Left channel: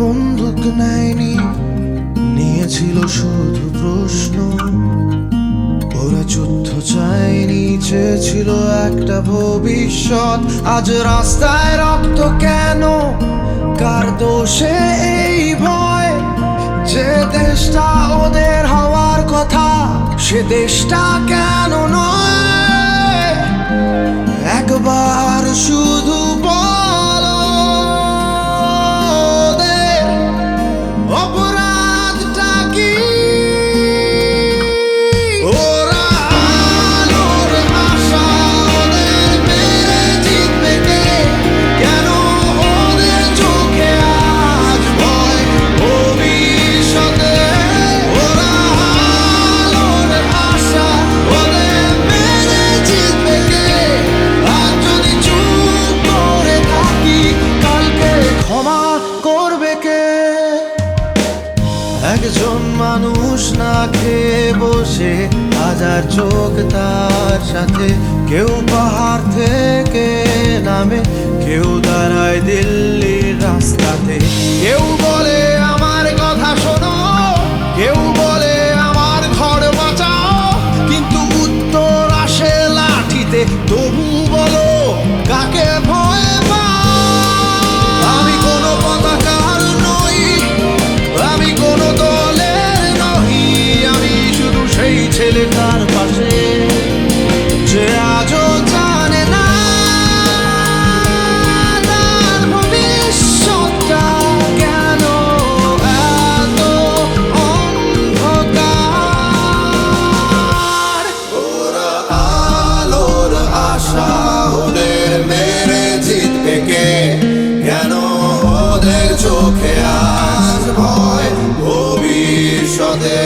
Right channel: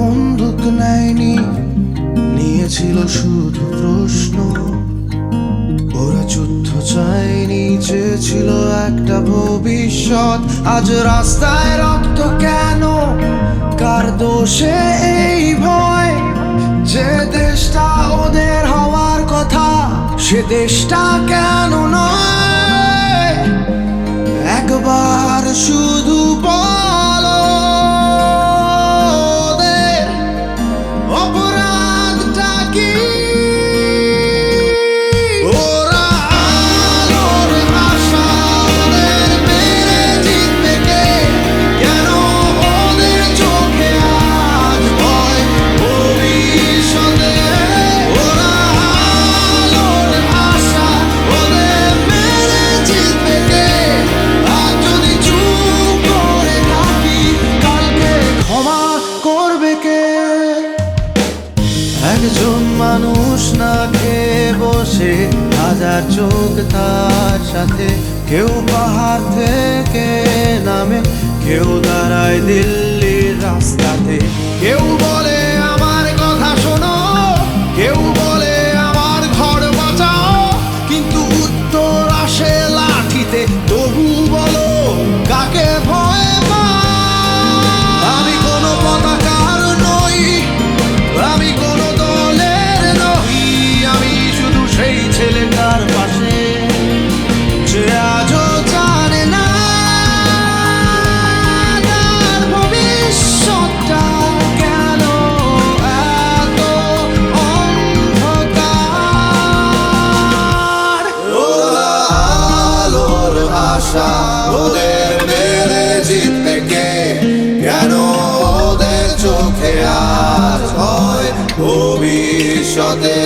বন্দুক নেয়নি, নিয়েছিল শুধু প্রশ্ন। ওরা যুদ্ধ চায়নি, চেয়েছিল একটা ভবিষ্যৎ। আজ রাস্তায় রক্ত কেন? কার দোষে এই ভয়? যে দেশটা ওদের হওয়ার কথা, সে দেশটা কেন নয়? একবার শুধু বলো ওদের অপরাধটা কি? ওরা আলোর আশা, ওদের মেরে জিতবে কে? কেন ওদের চোখে আজ ভয় ভবিষ্যতে? ওরা আলোর আশা, ওদের মেরে জিতবে কে? আজ যদি চুপ করে থাকি, কালকে ক্ষমা করবে কে? একজন মানুষ না খেয়ে বসে, হাজার চোখ তার সাথে। কেউ পাহাড় থেকে নামে, কেউ দাঁড়ায় দিল্লির রাস্তাতে। কেউ বলে আমার কথা শোনো, কেউ বলে আমার ঘর বাঁচাও, কিন্তু উত্তর আসে লাঠিতে। তবু বলো কাকে ভয় পাও? আমি কোনো পতাকার নই, আমি কোনো দলের নই, আমি শুধু সেই ছেলেটার পাশে যে আজও জানে না তার ভবিষ্যৎটা কেন এত অন্ধকার। ওরা আলোর আশা, ওদের মেরে জিতবে কে? কেন ওদের চোখে আর ভয় ভবিষ্যতে?